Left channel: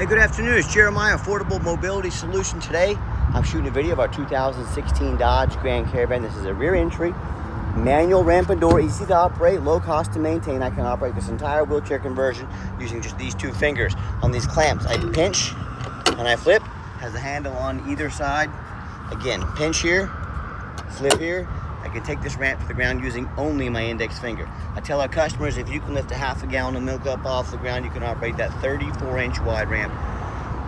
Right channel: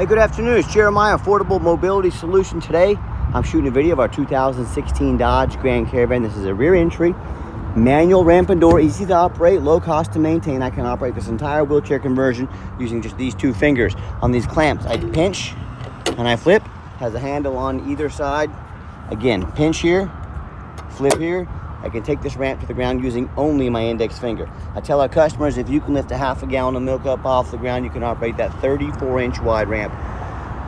Hey, good afternoon. It's Jeremiah, Affordable Mobility Solution. Today, I'm shooting a video of our 2016 Dodge Grand Caravan. This is a rear entry, manual ramp and door, easy to operate, low cost to maintain. I can operate this entire wheelchair conversion using just these two fingers on these clamps. I can pinch and I flip. Has a handle on either side. Again, pinch here, flip here. I can take this ramp to the ground using only my index finger. I tell our customers, if you can lift a half a gallon of milk up off the ground, you can operate that 34-inch wide ramp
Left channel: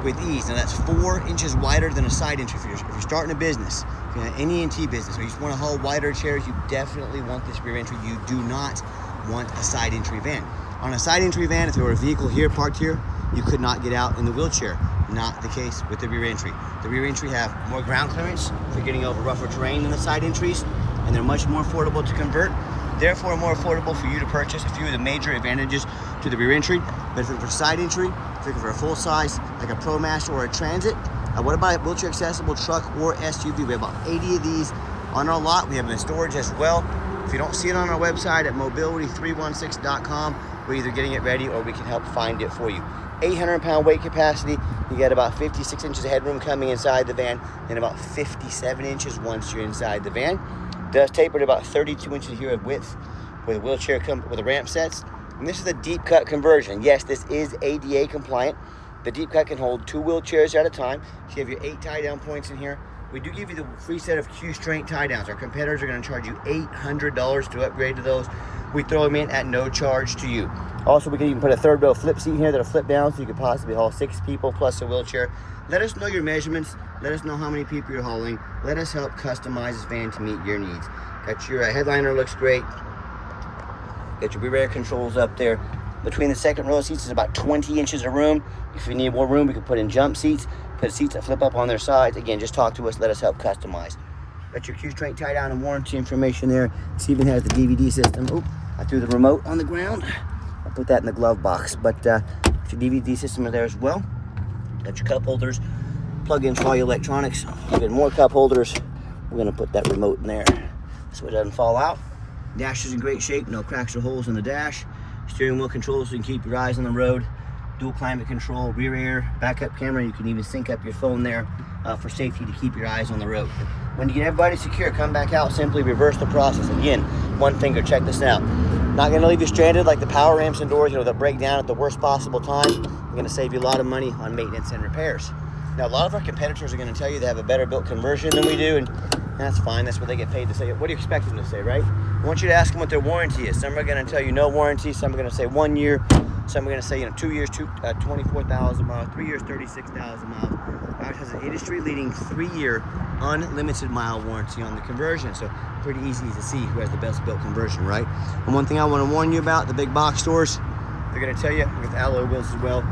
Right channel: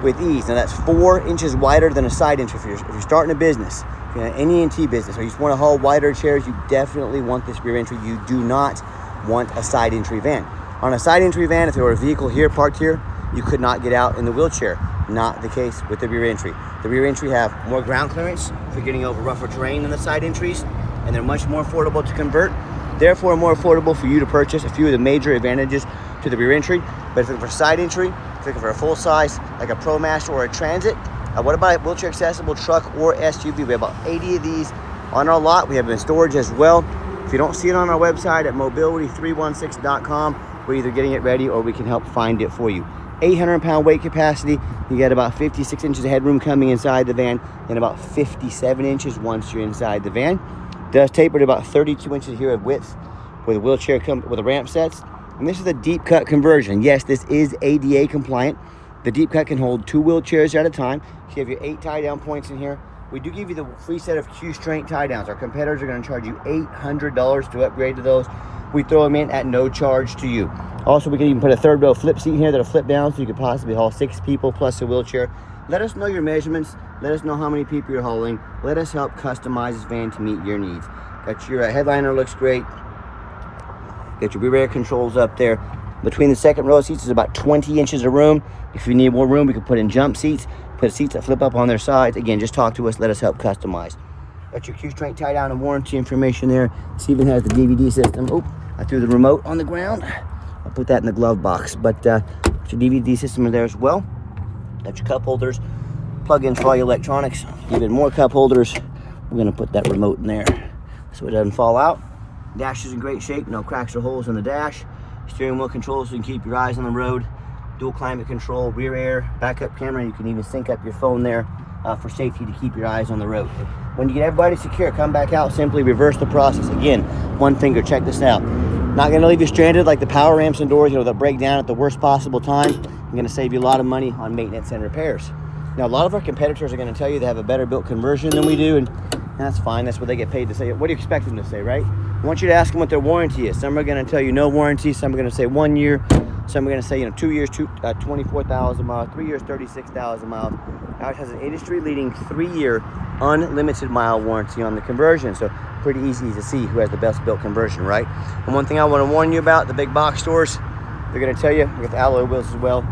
with ease. Now that's 4 inches wider than a side entry. If you're starting a business, if you're in an NEMT business, or you just want to haul wider chairs, you definitely want this rear entry. You do not want a side entry van. On a side entry van, if there were a vehicle here parked here, you could not get out in the wheelchair. Not the case with the rear entry. The rear entry have more ground clearance for getting over rougher terrain than the side entries, and they're much more affordable to convert, therefore more affordable for you to purchase. A few of the major advantages to the rear entry. But if you're looking for side entry, if you're looking for a full size like a ProMaster or a Transit, what about a wheelchair accessible truck or SUV? We have about 80 of these on our lot. We have them in storage as well. If you don't see it on our website at mobility316.com, we're either getting it ready or we can help find it for you. 800-pound weight capacity. You get about 56 inches of headroom coming inside the van, and about 57 inches once you're inside the van. Does taper to about 32 inches here of width with a wheelchair with a ramp sets. And this is a deep cut conversion. Yes, this is ADA compliant. The deep cut can hold 2 wheelchairs at a time. So you have your 8 tie down points in here. We do give you the free set of Q-strength tie downs. Our competitors are going to charge you $800 to upgrade to those. We throw them in at no charge to you. Also, we can even put a third row flip seat here that'll flip down so you could possibly haul 6 people plus a wheelchair. Let us know your measurements. Let us know how many people you're hauling. Let us help customize this van to meet your needs. Got your headliner, looks great. Get your rear air controls up there. Between the second row of seats is about 20 inches of room. If you need more room, we can put in jump seats, put seats that flip up on their sides. Again, just talk to us. Let us help customize. Got your Q-strength tie down and warranty information there. This even has the DVD system. Oh, I threw the remote on the ground. I'll put that in the glove box. But your DVD system is there as well. Got your cup holders, plug-ins for all your electronics. Even more cup holders. We're gonna put that remote in there so it doesn't fall out. Dash is in great shape, no cracks or holes in the dash. Steering wheel controls so you can keep your eyes on the road. Dual climate control, rear air, backup camera. You can even sync up your phone there for safety to keep your eyes on the road. When you get everybody secure, come back out, simply reverse the process. Again, one finger, check this out. Not gonna leave you stranded like the power ramps and doors, they'll break down at the worst possible time. I'm gonna save you a lot of money on maintenance and repairs. Now, a lot of our competitors are gonna tell you they have a better built conversion than we do, and that's fine, that's what they get paid to say. What do you expect them to say, right? I want you to ask them what their warranty is. Some are gonna tell you no warranty, some are gonna say 1 year, some are gonna say 2 years, 24,000 miles, 3 years, 36,000 miles. Dodge has an industry-leading 3-year unlimited mile warranty on the conversion, so pretty easy to see who has the best built conversion, right? And one thing I want to warn you about, the big box stores, they're going to tell you with alloy wheels as well.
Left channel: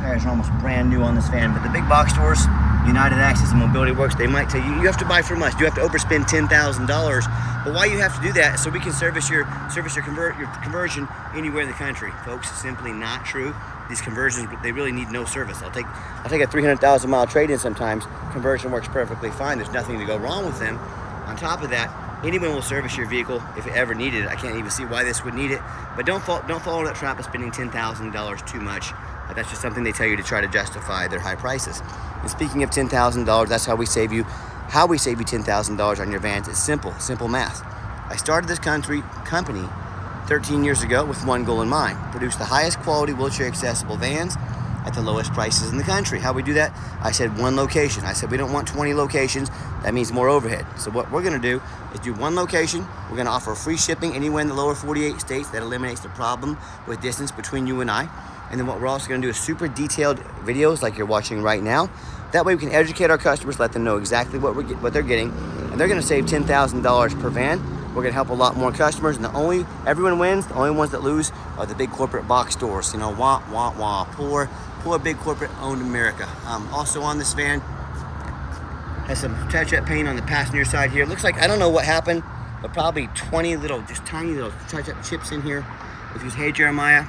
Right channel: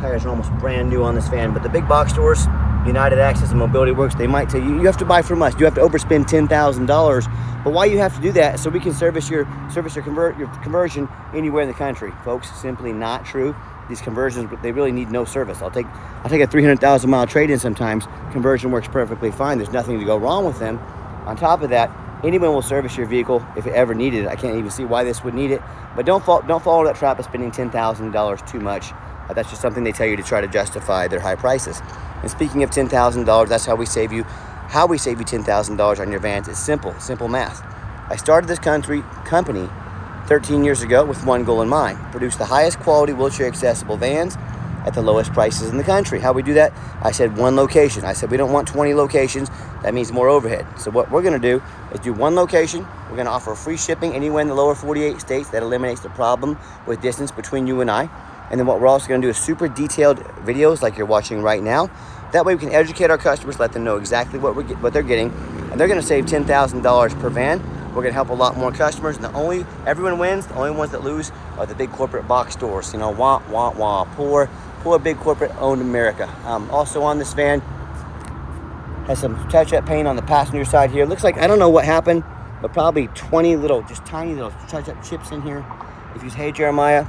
Tires are almost brand new on this van, but the big box stores, United Access and Mobility Works, they might tell you, you have to buy from us. You have to overspend $10,000. But why you have to do that? So we can service your conversion anywhere in the country. Folks, simply not true. These conversions, they really need no service. I'll take a 300,000 mile trade-in sometimes. Conversion works perfectly fine. There's nothing to go wrong with them. On top of that, anyone will service your vehicle if it ever needed it. I can't even see why this would need it. But don't follow that trap of spending $10,000 too much. That's just something they tell you to try to justify their high prices. And speaking of $10,000, that's how we save you $10,000 on your vans. It's simple math. I started this company 13 years ago with one goal in mind: produce the highest quality wheelchair accessible vans at the lowest prices in the country. How we do that? I said one location. I said we don't want 20 locations. That means more overhead. So what we're gonna do is do one location. We're gonna offer free shipping anywhere in the lower 48 states. That eliminates the problem with distance between you and I. And then what we're also gonna do is super detailed videos like you're watching right now. That way we can educate our customers, let them know exactly what they're getting, and they're gonna save $10,000 per van. We're gonna help a lot more customers, and everyone wins. The only ones that lose are the big corporate box stores. You know, wah. Poor big corporate owned America. Also on this van, has some touch-up paint on the passenger side here. Looks like, I don't know what happened, but probably 20 just tiny little touch-up chips in here. If you say, hey Jeremiah,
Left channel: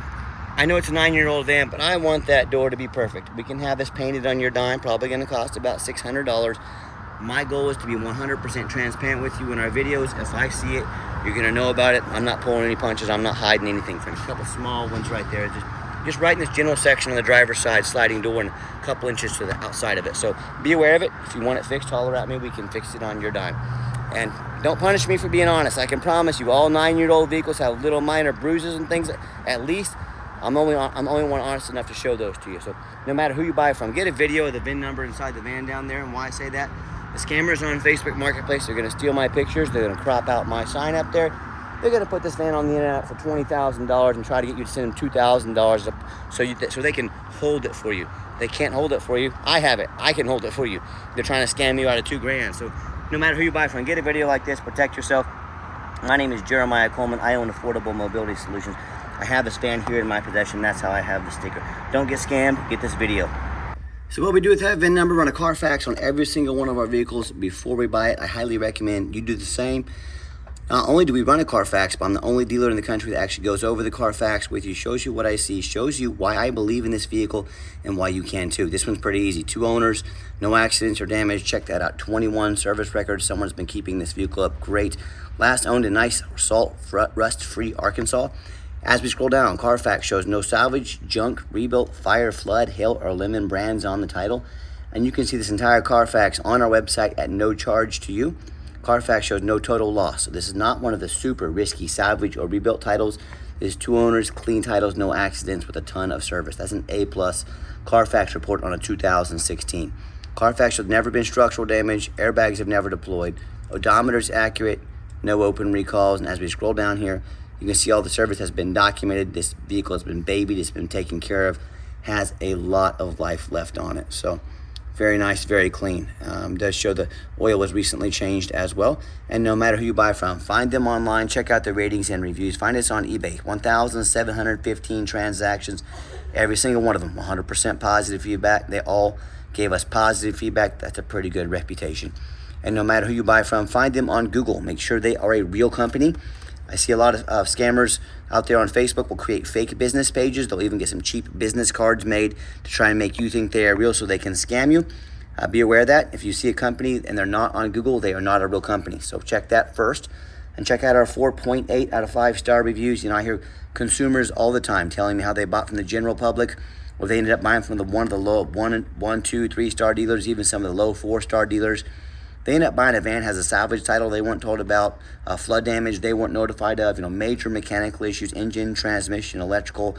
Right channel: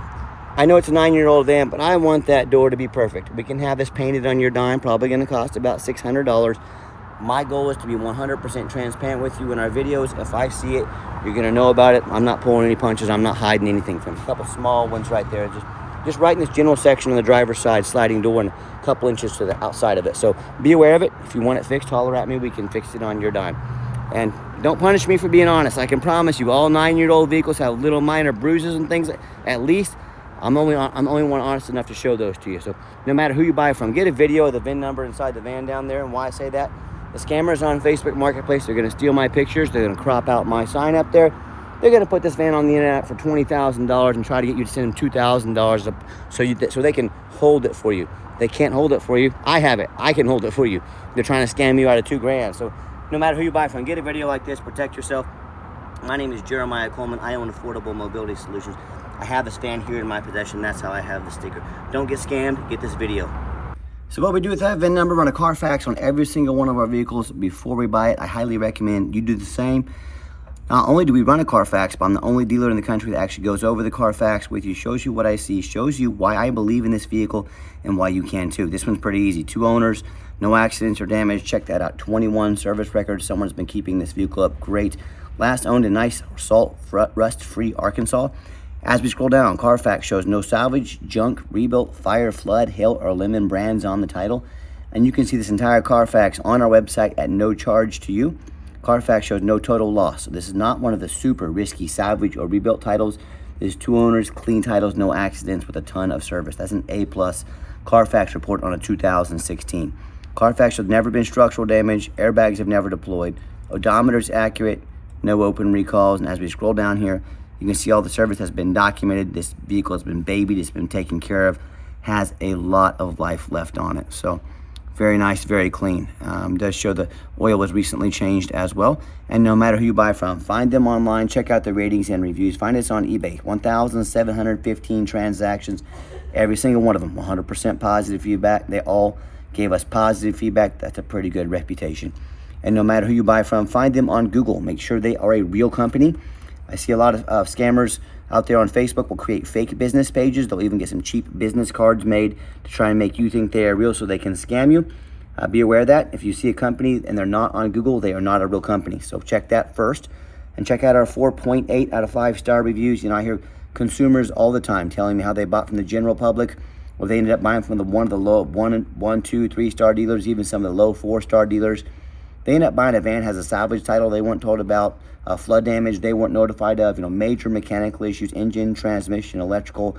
I know it's a 9-year-old van, but I want that door to be perfect. We can have this painted on your dime, probably gonna cost about $600. My goal is to be 100% transparent with you in our videos. If I see it, you're gonna know about it. I'm not pulling any punches. I'm not hiding anything from you. A couple small ones right there. Just just right in this general section on the driver's side, sliding door, and a couple inches to the outside of it. So be aware of it. If you want it fixed, holler at me. We can fix it on your dime. And don't punish me for being honest. I can promise you, all 9-year-old vehicles have little minor bruises and things. At least I'm only one honest enough to show those to you. So no matter who you buy from, get a video of the VIN number inside the van down there. And why I say that, the scammers on Facebook Marketplace, they're going to steal my pictures. They're going to crop out my sign up there. They're going to put this van on the internet for $20,000 and try to get you to send them $2,000 so they can hold it for you. They can't hold it for you. I have it. I can hold it for you. They're trying to scam you out of $2,000. So no matter who you buy from, get a video like this. Protect yourself. My name is Jeremiah Coleman. I own Affordable Mobility Solutions. I have this van here in my possession. That's how I have the sticker. Don't get scammed. Get this video. So what we do with that VIN number, run a Carfax on every single one of our vehicles before we buy it. I highly recommend you do the same. Not only do we run a Carfax, but I'm the only dealer in the country that actually goes over the Carfax with you, shows you what I see, shows you why I believe in this vehicle and why you can too. This one's pretty easy. 2 owners, no accidents or damage. Check that out. 21 service records. Someone's been keeping this vehicle up great. Last owned in nice salt rust-free Arkansas. As we scroll down, Carfax shows no salvage, junk, rebuilt, fire, flood, hail, or lemon brands on the title. And you can see this entire Carfax on our website at no charge to you. Carfax shows no total loss. So this is not one of the super risky salvage or rebuilt titles. This is 2 owners, clean titles, no accidents with a ton of service. That's an A+ Carfax report on a 2016. Carfax has never been structural damage. Airbags have never deployed. Odometer is accurate. No open recalls. And as we scroll down here, you can see all the service has been documented. This vehicle has been babied. It's been taken care of. Has a lot of life left on it. So very nice, very clean. Does show the oil was recently changed as well. And no matter who you buy from, find them online, check out the ratings and reviews. Find us on eBay. 1,715 transactions. Every single one of them, 100% positive feedback. They all gave us positive feedback. That's a pretty good reputation. And no matter who you buy from, find them on Google. Make sure they are a real company. I see a lot of scammers out there on Facebook will create fake business pages. They'll even get some cheap business cards made to try and make you think they are real so they can scam you. Be aware of that. If you see a company and they're not on Google, they are not a real company. So check that first. And check out our 4.8 out of 5-star reviews. You know, I hear consumers all the time telling me how they bought from the general public, or they ended up buying from one of the low 1, 2, 3-star dealers, even some of the low 4-star dealers. They end up buying a van that has a salvage title they weren't told about, flood damage they weren't notified of, major mechanical issues, engine, transmission, electrical.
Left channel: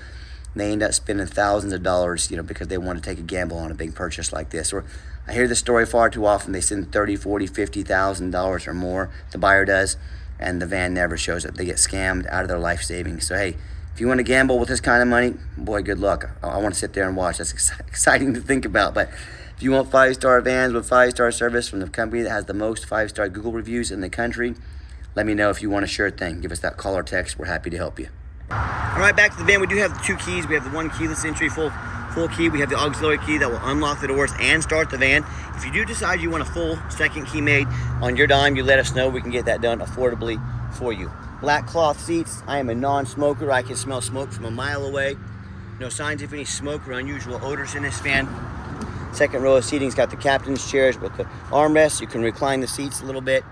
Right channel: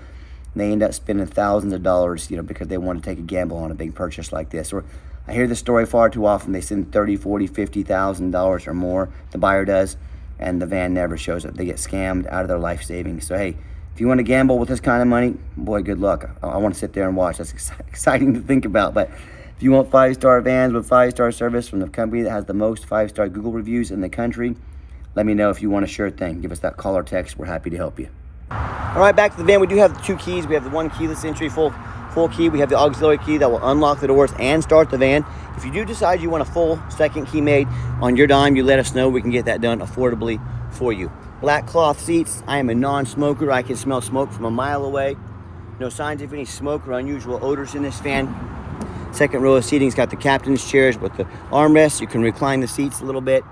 They end up spending thousands of dollars, because they want to take a gamble on a big purchase like this. Or I hear this story far too often. They spend $30,000, $40,000, $50,000 or more, the buyer does, and the van never shows up. They get scammed out of their life savings. So hey, if you want to gamble with this kind of money, boy, good luck. I want to sit there and watch. That's exciting to think about. But if you want 5-star vans with 5-star service from the company that has the most 5-star Google reviews in the country, let me know if you want a sure thing. Give us that call or text. We're happy to help you. All right, back to the van. We do have the 2 keys. We have the 1 keyless entry, full key. We have the auxiliary key that will unlock the doors and start the van. If you do decide you want a full second key made on your dime, you let us know. We can get that done affordably for you. Black cloth seats. I am a non-smoker. I can smell smoke from a mile away. No signs of any smoke or unusual odors in this van. Second row of seating's got the captain's chairs with the armrests. You can recline the seats a little bit.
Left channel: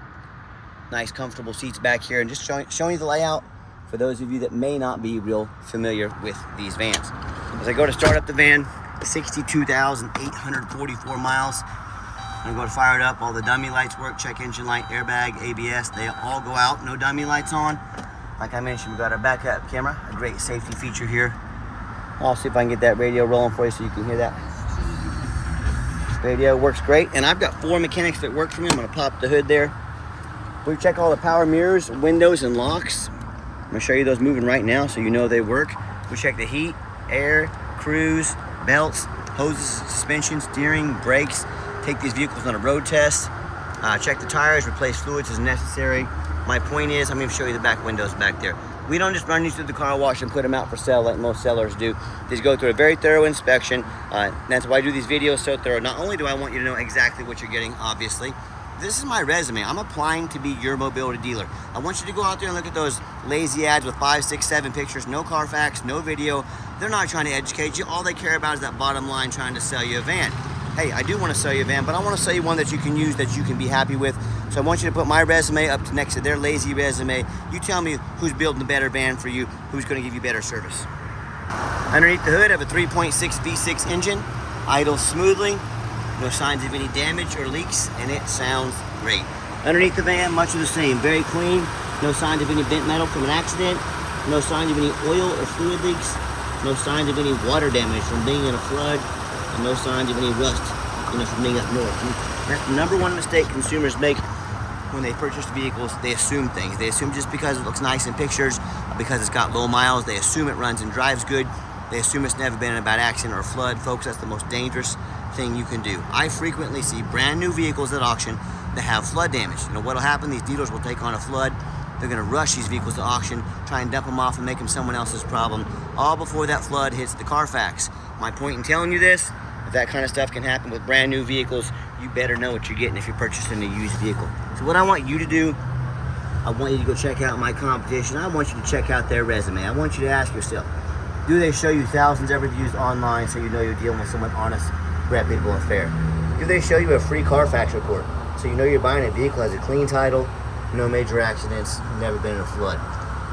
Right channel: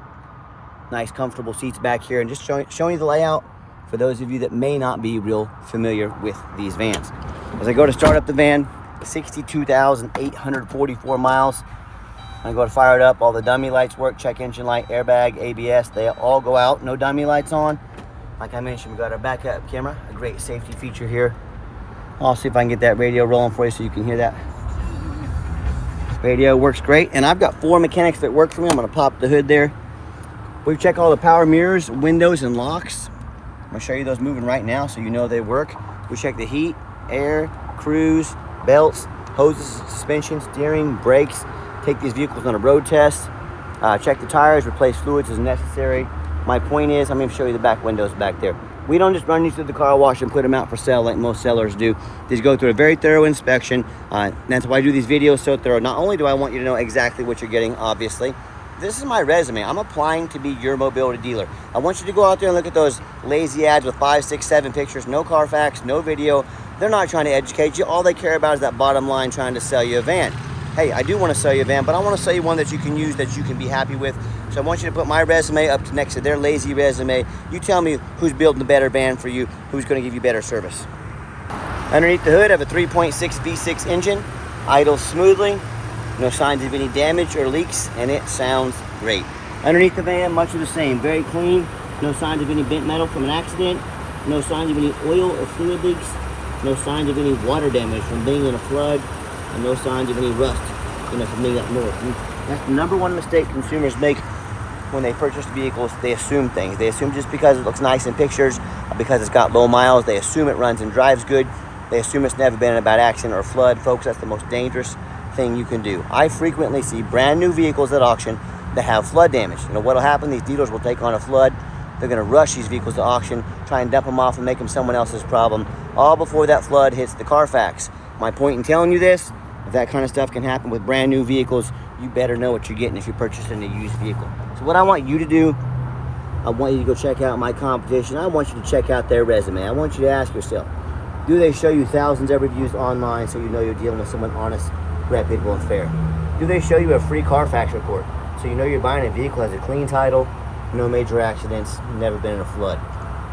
Nice, comfortable seats back here. And just showing you the layout for those of you that may not be real familiar with these vans. As I go to start up the van, 62,844 miles. I go to fire it up. All the dummy lights work. Check engine light, airbag, ABS. They all go out. No dummy lights on. Like I mentioned, we got our backup camera. A great safety feature here. I'll see if I can get that radio rolling for you so you can hear that. Radio works great, and I've got 4 mechanics that work for me. I'm gonna pop the hood there. We check all the power mirrors, windows, and locks. I'm gonna show you those moving right now so you know they work. We check the heat, air, cruise, belts, hoses, suspension, steering, brakes. Take these vehicles on a road test. Check the tires, replace fluids as necessary. My point is, I'm gonna show you the back windows back there. We don't just run these through the car wash and put them out for sale like most sellers do. These go through a very thorough inspection. That's why I do these videos so thorough. Not only do I want you to know exactly what you're getting, obviously, this is my resume. I'm applying to be your mobility dealer. I want you to go out there and look at those lazy ads with 5, 6, 7 pictures, no Carfax, no video. They're not trying to educate you. All they care about is that bottom line trying to sell you a van. Hey, I do want to sell you a van, but I want to sell you one that you can use, that you can be happy with. So I want you to put my resume up next to their lazy resume. You tell me who's building the better van for you, who's going to give you better service. Underneath the hood, I have a 3.6 V6 engine, idles smoothly, no signs of any damage or leaks, and it sounds great. Underneath the van, much of the same, very clean, no signs of any bent metal from an accident, no signs of any oil or fluid leaks, no signs of any water damage from being in a flood, and no signs of any rust, from being up north. And that's the number one mistake consumers make when they purchase vehicles. They assume things. They assume just because it looks nice in pictures, because it's got low miles, they assume it runs and drives good. They assume it's never been in a bad accident or flood. Folks, that's the most dangerous thing you can do. I frequently see brand new vehicles at auction that have flood damage. What'll happen, these dealers will take on a flood. They're gonna rush these vehicles to auction, try and dump them off and make them someone else's problem, all before that flood hits the Carfax. My point in telling you this, if that kind of stuff can happen with brand new vehicles, you better know what you're getting if you're purchasing a used vehicle. So what I want you to do, I want you to go check out my competition. I want you to check out their resume. I want you to ask yourself, do they show you thousands of reviews online so you know you're dealing with someone honest, reputable, and fair? Do they show you a free Carfax report so you know you're buying a vehicle that has a clean title, no major accidents, never been in a flood?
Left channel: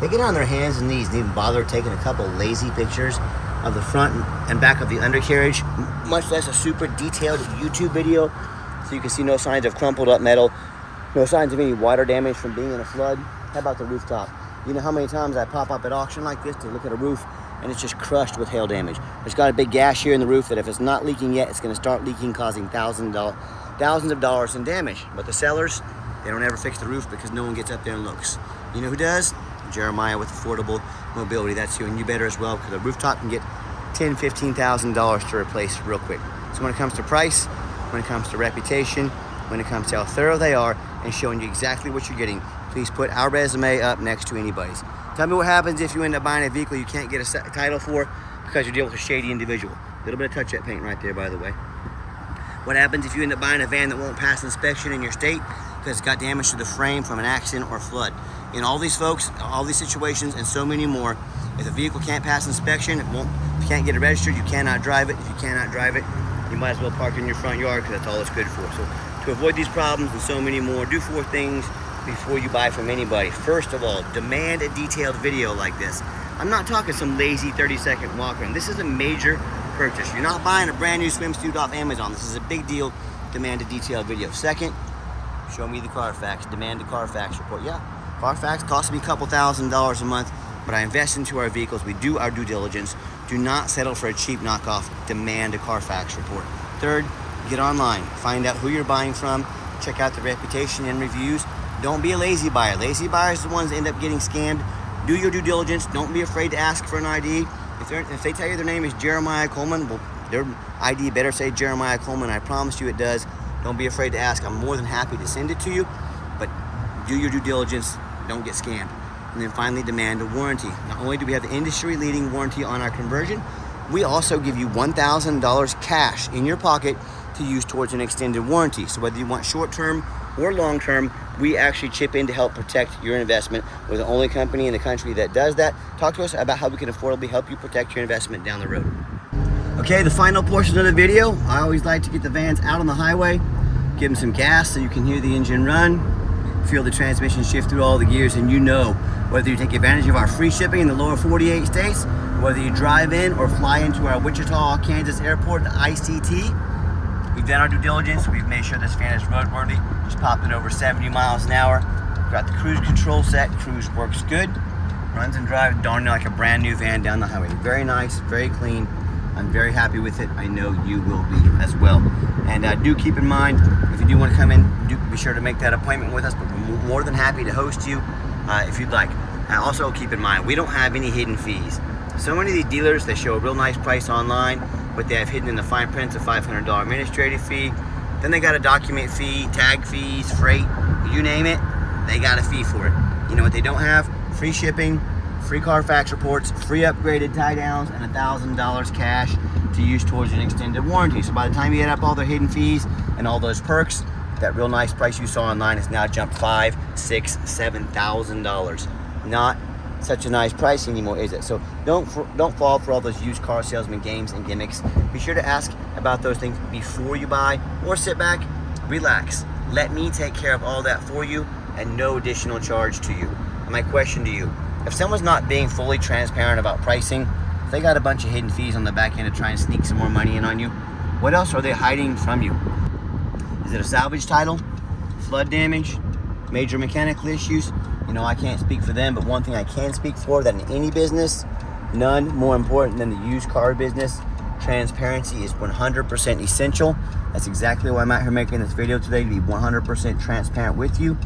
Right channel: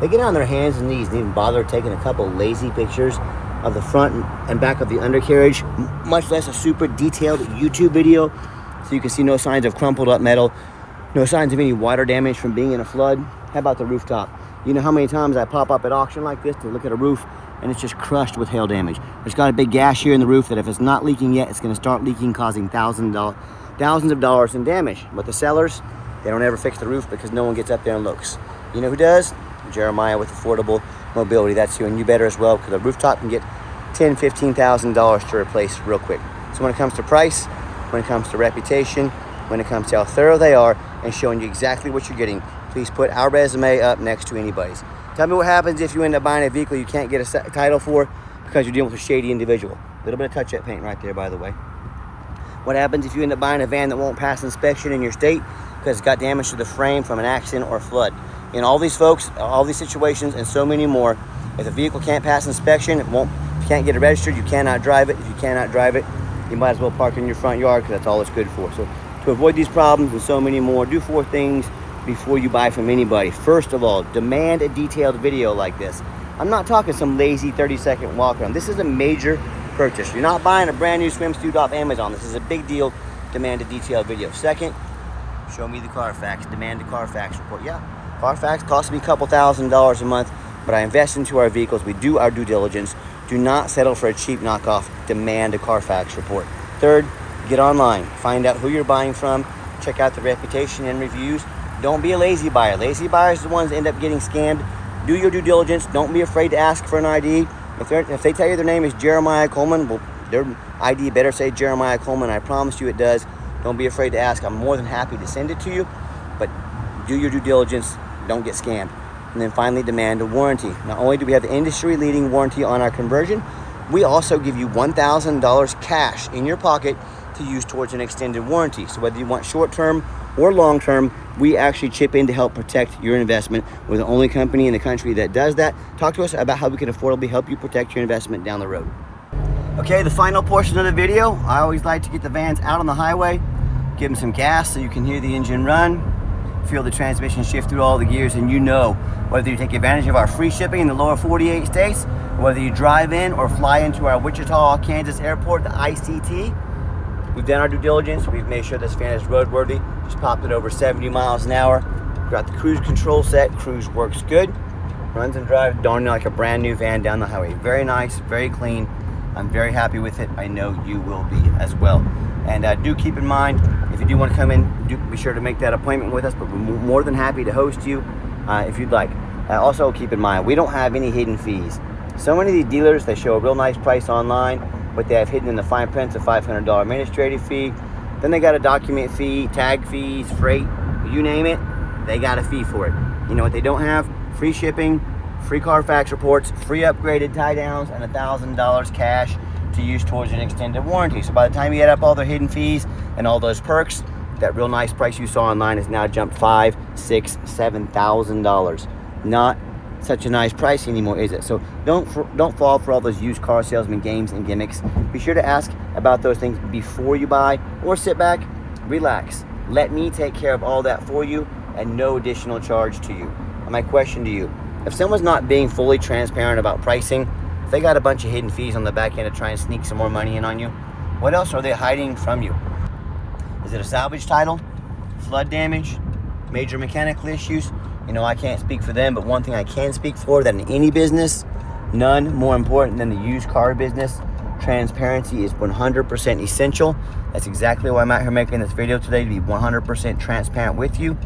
They get on their hands and knees and even bother taking a couple lazy pictures of the front and back of the undercarriage, much less a super detailed YouTube video so you can see no signs of crumpled up metal, no signs of any water damage from being in a flood. How about the rooftop? You know how many times I pop up at auction like this to look at a roof and it's just crushed with hail damage. It's got a big gash here in the roof that if it's not leaking yet, it's gonna start leaking, causing thousands of dollars in damage. But the sellers, they don't ever fix the roof because no one gets up there and looks. You know who does? Jeremiah with Affordable Mobility. That's you, and you better as well, because a rooftop can get $10,000, $15,000 to replace real quick. So when it comes to price, when it comes to reputation, when it comes to how thorough they are and showing you exactly what you're getting, please put our resume up next to anybody's. Tell me what happens if you end up buying a vehicle you can't get a title for because you're dealing with a shady individual. A little bit of touch-up paint right there, by the way. What happens if you end up buying a van that won't pass inspection in your state because it's got damage to the frame from an accident or flood? In all these folks, all these situations, and so many more, if a vehicle can't pass inspection, if you can't get it registered, you cannot drive it. If you cannot drive it, you might as well park it in your front yard because that's all it's good for. So to avoid these problems and so many more, do 4 things before you buy from anybody. First of all, demand a detailed video like this. I'm not talking some lazy 30-second walk around. This is a major purchase. You're not buying a brand new swimsuit off Amazon. This is a big deal. Demand a detailed video. Second, show me the Carfax. Demand a Carfax report. Yeah, Carfax costs me a couple $1,000s a month, but I invest into our vehicles. We do our due diligence. Do not settle for a cheap knockoff. Demand a Carfax report. Third, get online. Find out who you're buying from. Check out the reputation and reviews. Don't be a lazy buyer. Lazy buyers are the ones that end up getting scammed. Do your due diligence. Don't be afraid to ask for an ID. If they tell you their name is Jeremiah Coleman, well, their ID better say Jeremiah Coleman. I promise you it does. Don't be afraid to ask. I'm more than happy to send it to you, but do your due diligence. Don't get scammed. And then finally, demand a warranty. Not only do we have the industry-leading warranty on our conversion, we also give you $1,000 cash in your pocket to use towards an extended warranty. So whether you want short-term or long-term, we actually chip in to help protect your investment. We're the only company in the country that does that. Talk to us about how we can affordably help you protect your investment down the road. Okay, the final portion of the video, I always like to get the vans out on the highway, give them some gas so you can hear the engine run, feel the transmission shift through all the gears, and you know whether you take advantage of our free shipping in the lower 48 states, whether you drive in or fly into our Wichita, Kansas airport, the ICT. We've done our due diligence. We've made sure this van is roadworthy. Just popped it over 70 miles an hour. Got the cruise control set. Cruise works good. Runs and drives darn near like a brand new van down the highway. Very nice, very clean. I'm very happy with it. I know you will be as well. And do keep in mind, if you do want to come in, do be sure to make that appointment with us, but we're more than happy to host you if you'd like. Also keep in mind, we don't have any hidden fees. So many of these dealers, they show a real nice price online, but they have hidden in the fine print a $500 administrative fee. Then they got a document fee, tag fees, freight, you name it, they got a fee for it. You know what they don't have? Free shipping, free Carfax reports, free upgraded tie downs, and $1,000 cash to use towards an extended warranty. So by the time you add up all the hidden fees and all those perks, that real nice price you saw online has now jumped $5,000, $6,000, $7,000. Not such a nice price anymore, is it? So don't fall for all those used car salesman games and gimmicks. Be sure to ask about those things before you buy, or sit back, relax. Let me take care of all that for you and no additional charge to you. And my question to you, if someone's not being fully transparent about pricing, if they got a bunch of hidden fees on the back end to try and sneak some more money in on you, what else are they hiding from you? Is it a salvage title, flood damage, major mechanical issues? You know, I can't speak for them, but one thing I can speak for, that in any business, none more important than the used car business, transparency is 100% essential. That's exactly why I'm out here making this video today, to be 100% transparent with you.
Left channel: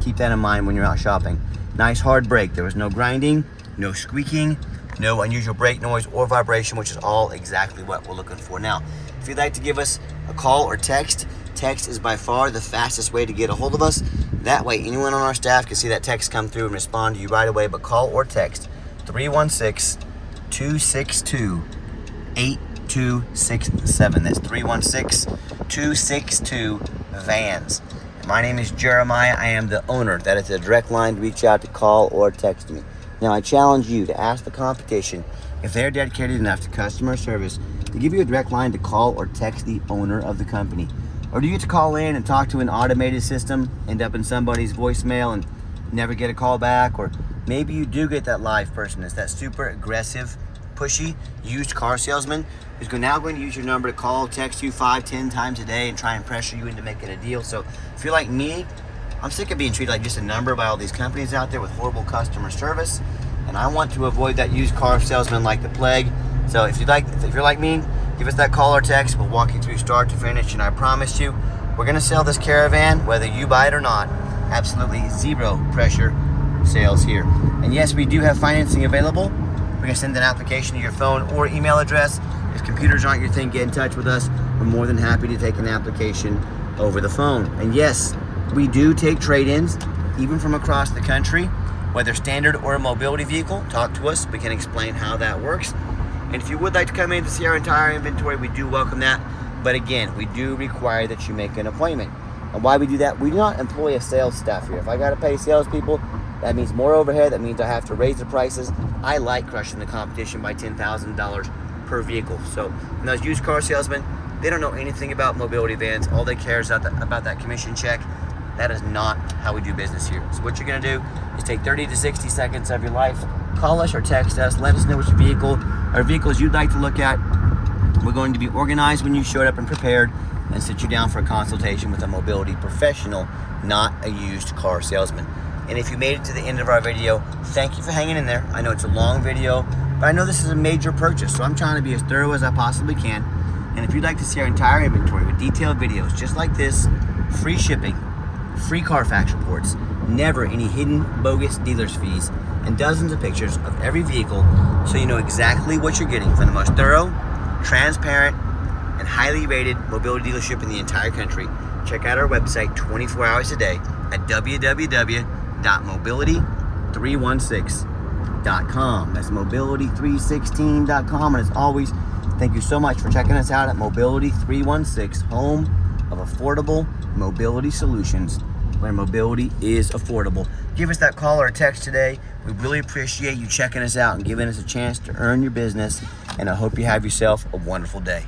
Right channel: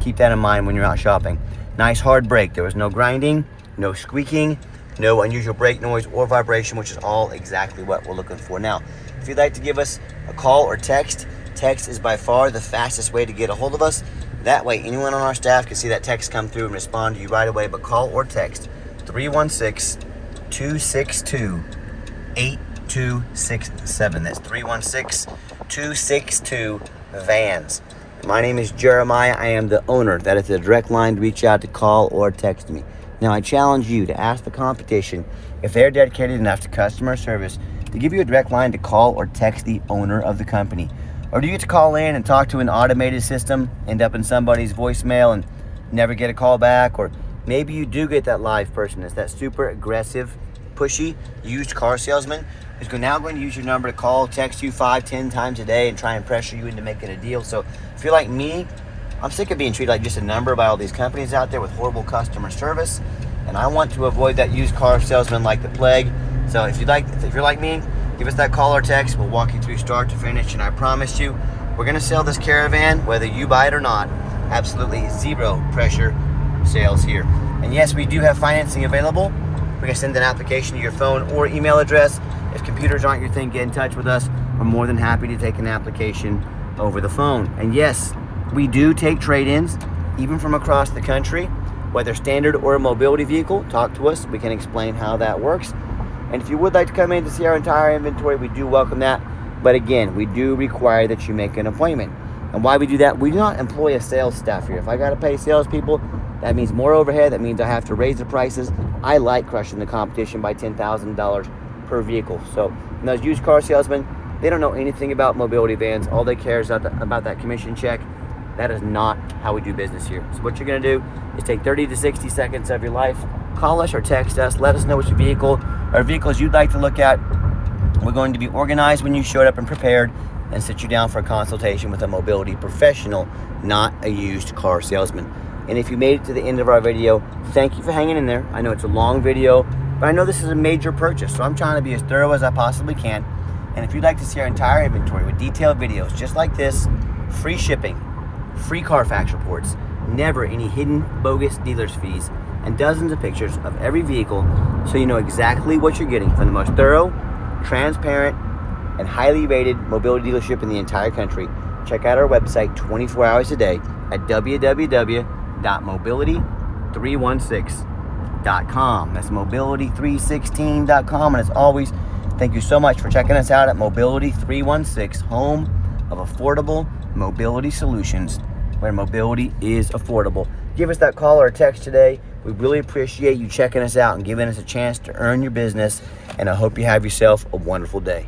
Keep that in mind when you're out shopping. Nice hard brake. There was no grinding, no squeaking, no unusual brake noise or vibration, which is all exactly what we're looking for. Now, if you'd like to give us a call or text is by far the fastest way to get a hold of us. That way, anyone on our staff can see that text come through and respond to you right away. But call or text 316-262-8267. That's 316-262-VANS. My name is Jeremiah. I am the owner. That is the direct line to reach out, to call or text me. Now, I challenge you to ask the competition, if they're dedicated enough to customer service, to give you a direct line to call or text the owner of the company. Or do you get to call in and talk to an automated system, end up in somebody's voicemail and never get a call back? Or maybe you do get that live person. It's that super aggressive, pushy, used car salesman who's now going to use your number to call, text you 5-10 times a day and try and pressure you into making a deal. So if you're like me, I'm sick of being treated like just a number by all these companies out there with horrible customer service. And I want to avoid that used car salesman like the plague. So if you're like me, give us that call or text. We'll walk you through start to finish, and I promise you, we're gonna sell this Caravan whether you buy it or not. Absolutely zero pressure sales here. And yes, we do have financing available. We're gonna send an application to your phone or email address. If computers aren't your thing, get in touch with us. We're more than happy to take an application over the phone. And yes, we do take trade-ins, even from across the country, whether standard or a mobility vehicle. Talk to us, we can explain how that works. And if you would like to come in to see our entire inventory, we do welcome that. But again, we do require that you make an appointment. And why we do that, we do not employ a sales staff here. If I gotta pay salespeople, that means more overhead, that means I have to raise the prices. I like crushing the competition by $10,000 per vehicle. So those used car salesmen, they don't know anything about mobility vans. All they care is about that commission check. That is not how we do business here. So what you're gonna do is take 30 to 60 seconds of your life, call us or text us, let us know which vehicle or vehicles you'd like to look at. We're going to be organized when you showed up and prepared, and sit you down for a consultation with a mobility professional, not a used car salesman. And if you made it to the end of our video, thank you for hanging in there. I know it's a long video, but I know this is a major purchase, so I'm trying to be as thorough as I possibly can. And if you'd like to see our entire inventory with detailed videos just like this, free shipping, free Carfax reports, never any hidden bogus dealer's fees, and dozens of pictures of every vehicle so you know exactly what you're getting from the most thorough, transparent, and highly rated mobility dealership in the entire country. Check out our website 24 hours a day at www.mobility316.com. That's mobility316.com. And as always, thank you so much for checking us out at Mobility 316, home of affordable mobility solutions, where mobility is affordable. Give us that call or text today. We really appreciate you checking us out and giving us a chance to earn your business. And I hope you have yourself a wonderful day.